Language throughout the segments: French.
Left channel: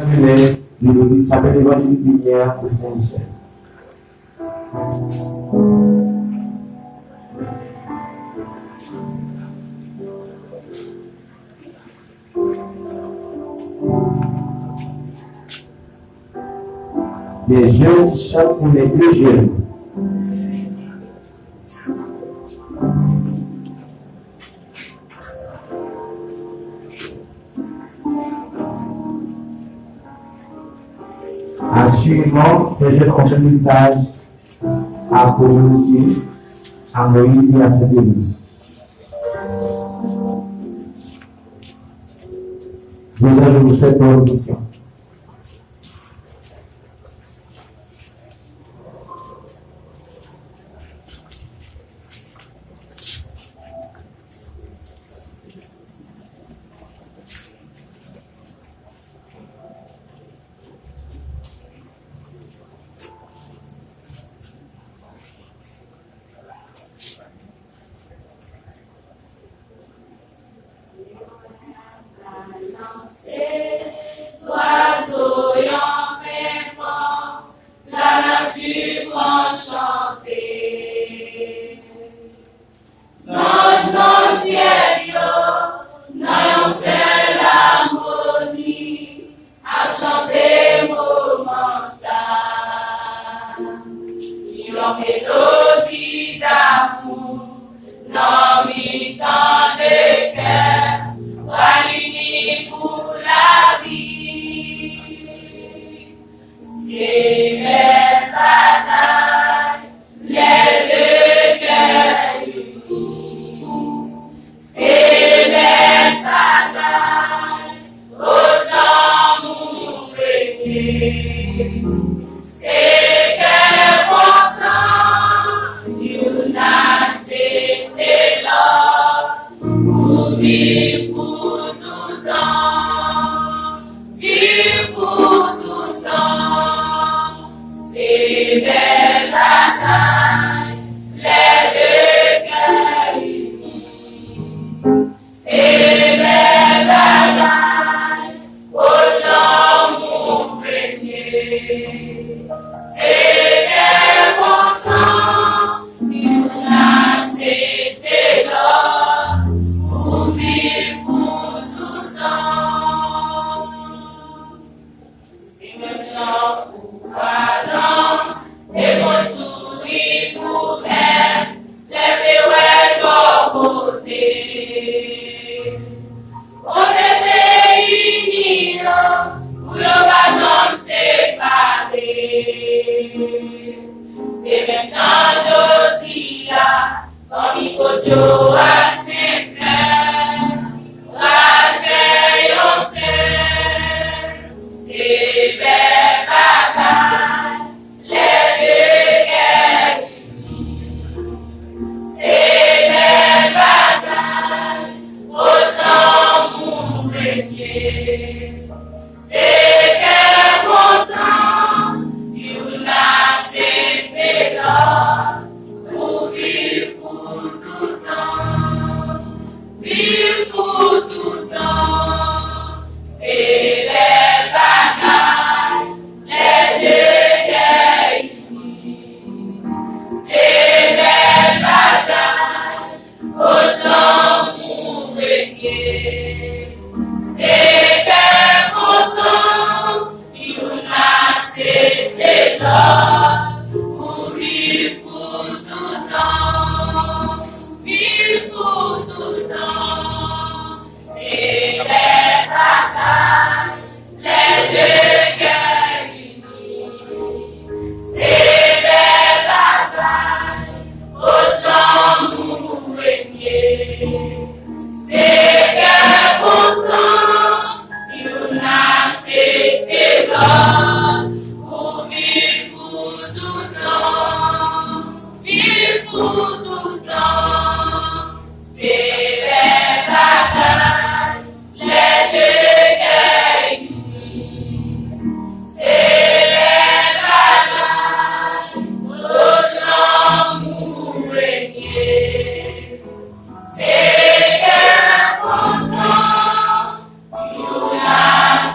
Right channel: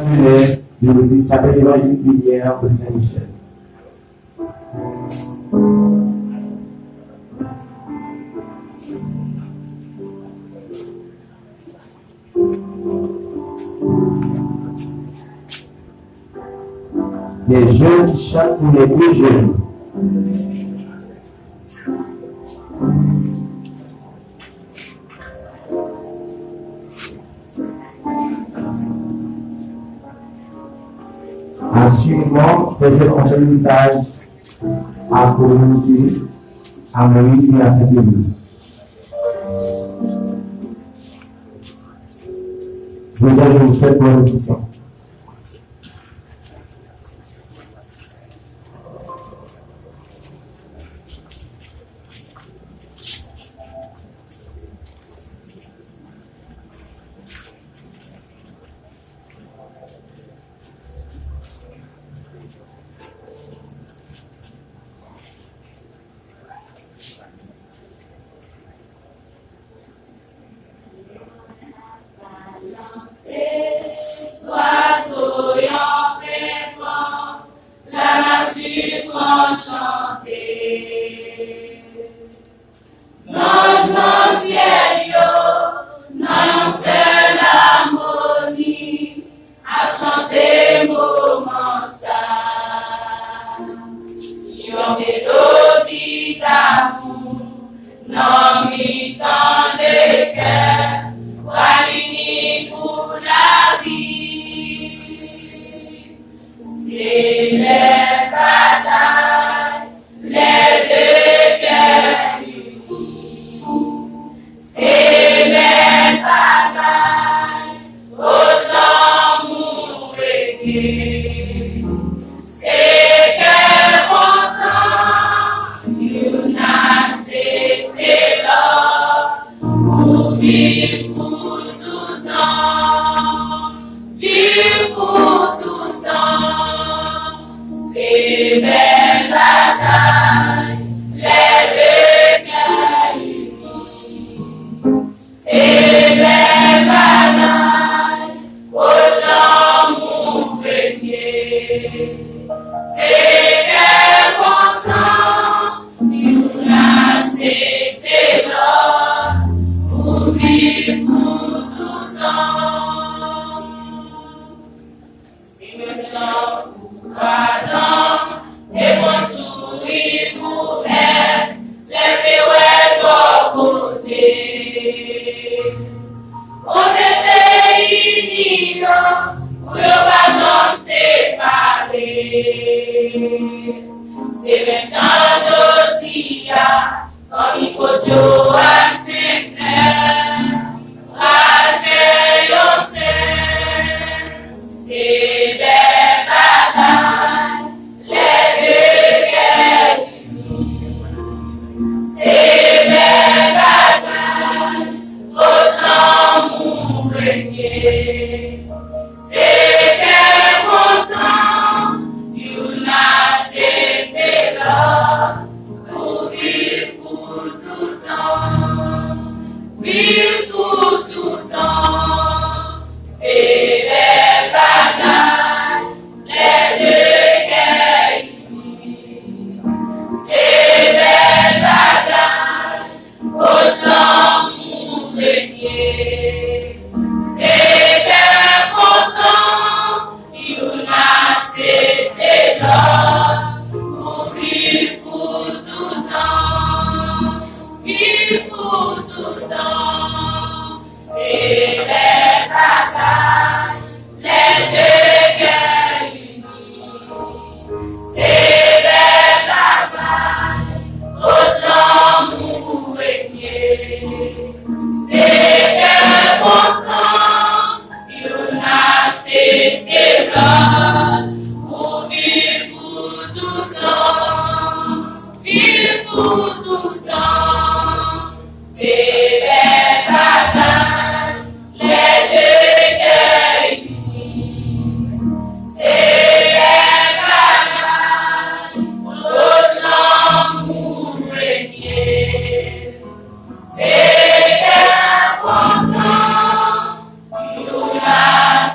Jeunesse de l'église chapelle évangélique lumière de Saint-Michel. Les jeunes qui chantent sont les plus jeunes. Assurément, ces jeunes ont un message à communiquer à Moïse et à cette église. Je vous souhaite bonne audition.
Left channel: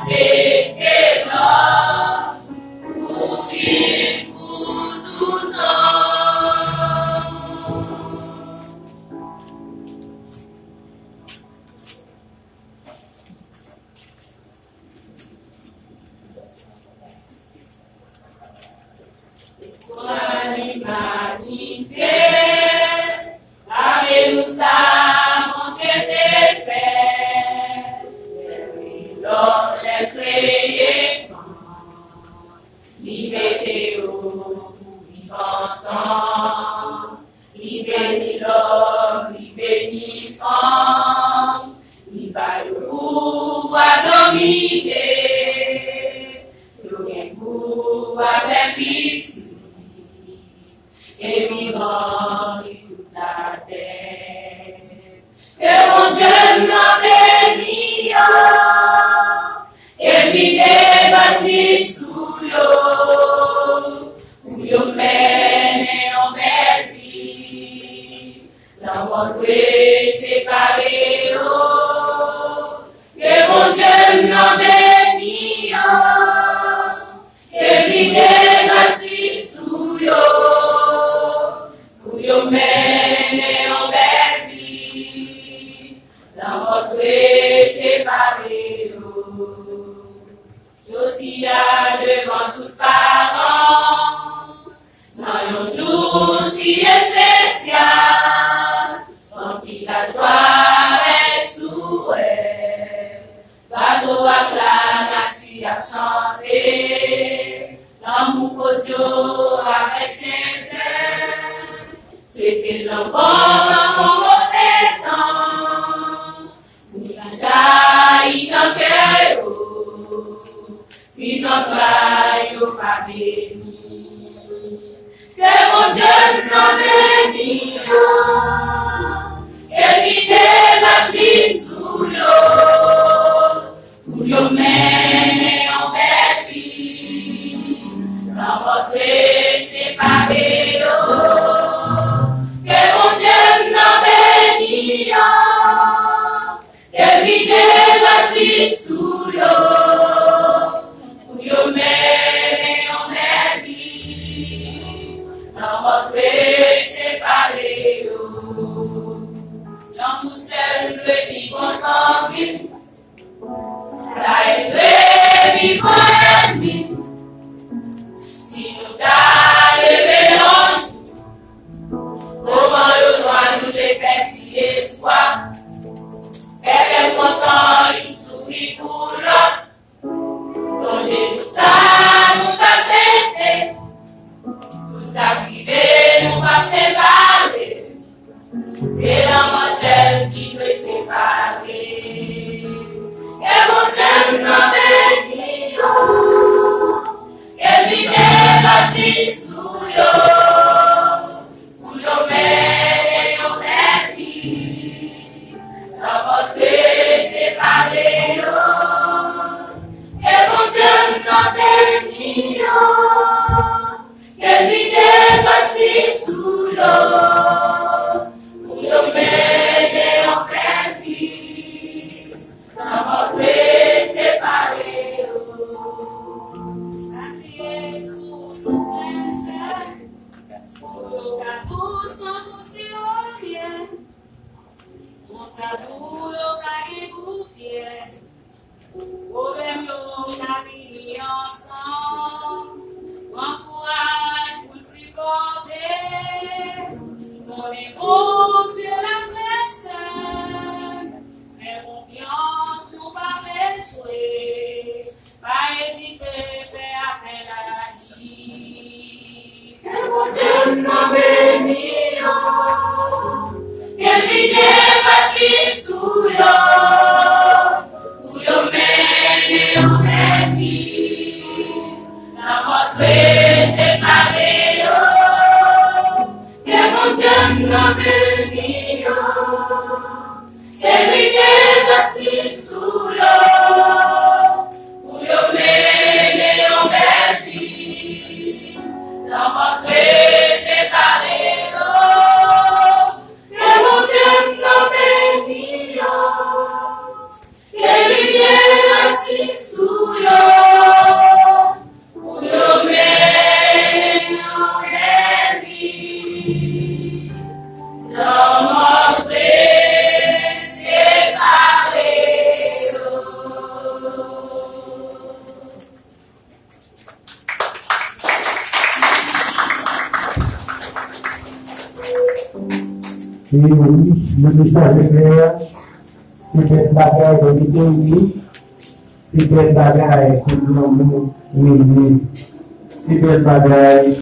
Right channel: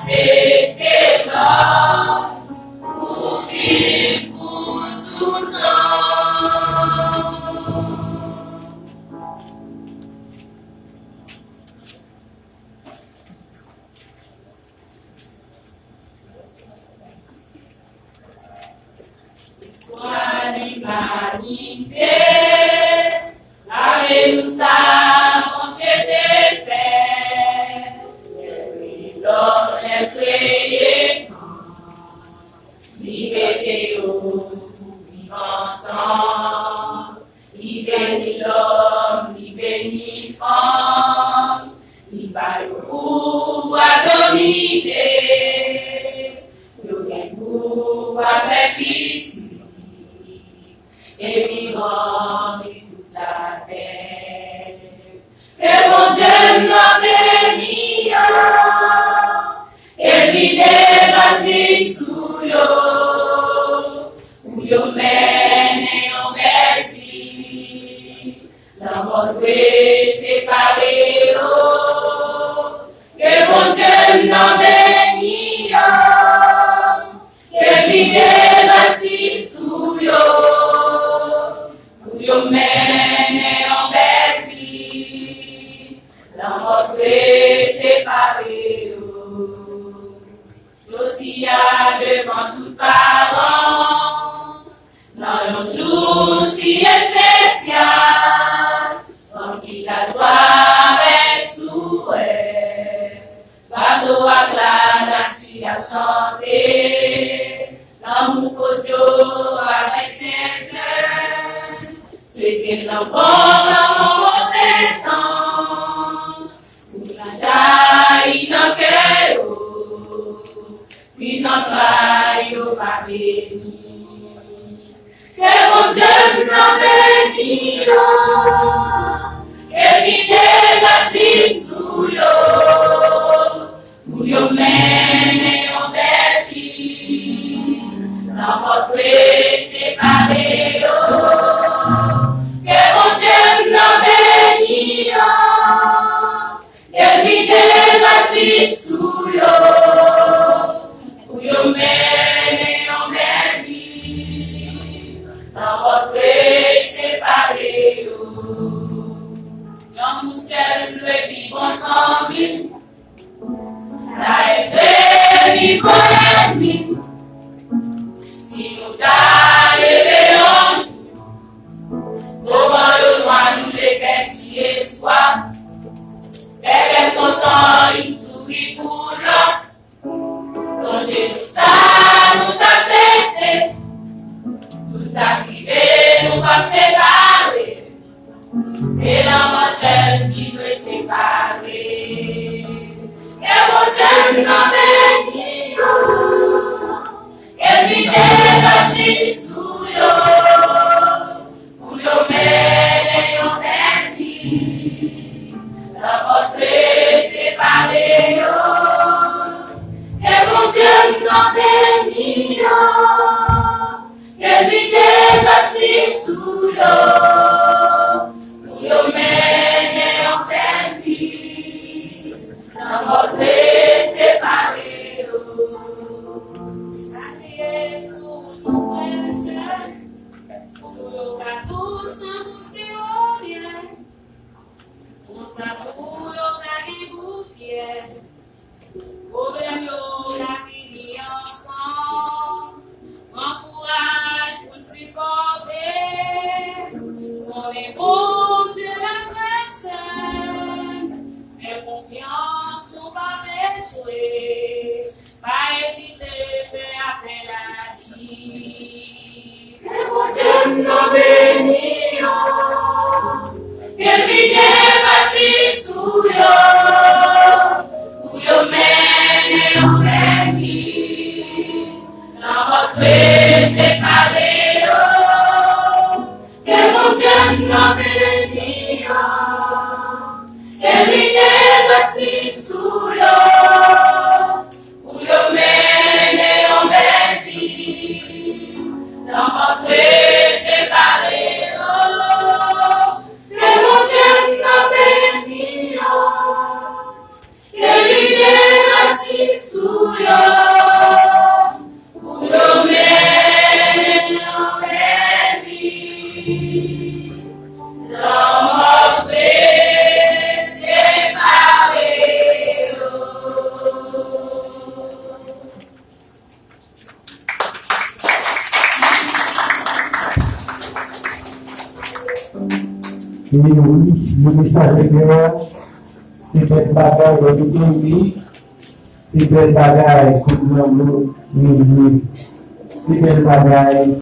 C'était pour avec pitié et vivant toute la terre. Que mon Dieu nous bénisse et lui grâce sous yo, pour yo mener en belle vie, dans votre séparé yo. Que mon Dieu nous bénisse et lui grâce sous yo, pour yo mener en belle vie, dans votre séparé yo. Je devant tout parent, dans un jour si spécial, sans qu'il la joie et souhait, gâteau à la nature à chanter, l'amour pour Dieu avec ses pleurs, c'était l'enfant dans mon mauvais temps, pour la jaillir dans le cœur. Puis en toi, m'a béni. Que mon Dieu nous bénisse, et qu'il délaisse sous l'eau, pour nous mener en belle vie, dans votre séparé. Que mon Dieu nous bénisse, et qu'il délaisse sous l'eau. Yo mène en belle vie, dans votre séparé. Dans nous seuls, le vivre ensemble, la vivre ennemi. Si nous t'allons un jour, comment le droit nous les petits espoirs, quelqu'un content, il sourit pour l'autre. Songez tout ça, nous t'accepter, nous sacrifier, nous pas séparer. C'est l'enfant seul qui doit séparer. Et mon Dieu nous bénisse, et lui délaisse sous l'eau, pour nous mener en belle vie, dans votre séparé. Que mon Dieu nous bénisse, que lui délaisse sous l'eau, pour nous mener en belle vie, dans votre séparé. Allez sous nos frères, sous la douce dans tous ces bien, on s'avoue au vous fier. Nous la vie ensemble, grand courage pour supporter. On est bon Dieu la personne, mais confiance nous pas échouer, pas hésiter, faire appel à lui. Que mon Dieu nous bénisse, que lui dépasse sous l'eau. Yo mène en belle vie, dans votre séparé. Que mon Dieu nous bénisse, que lui délaisse sous l'eau, pour yo mène en belle vie, dans votre séparé. Que mon Dieu nous bénisse, que lui délaisse sous l'eau, pour nous mener en belle vie, dans notre séparé. Et oui, le message est clair. C'est une bagaille de l'idée, c'est une bagaille pour nous, c'est une bagaille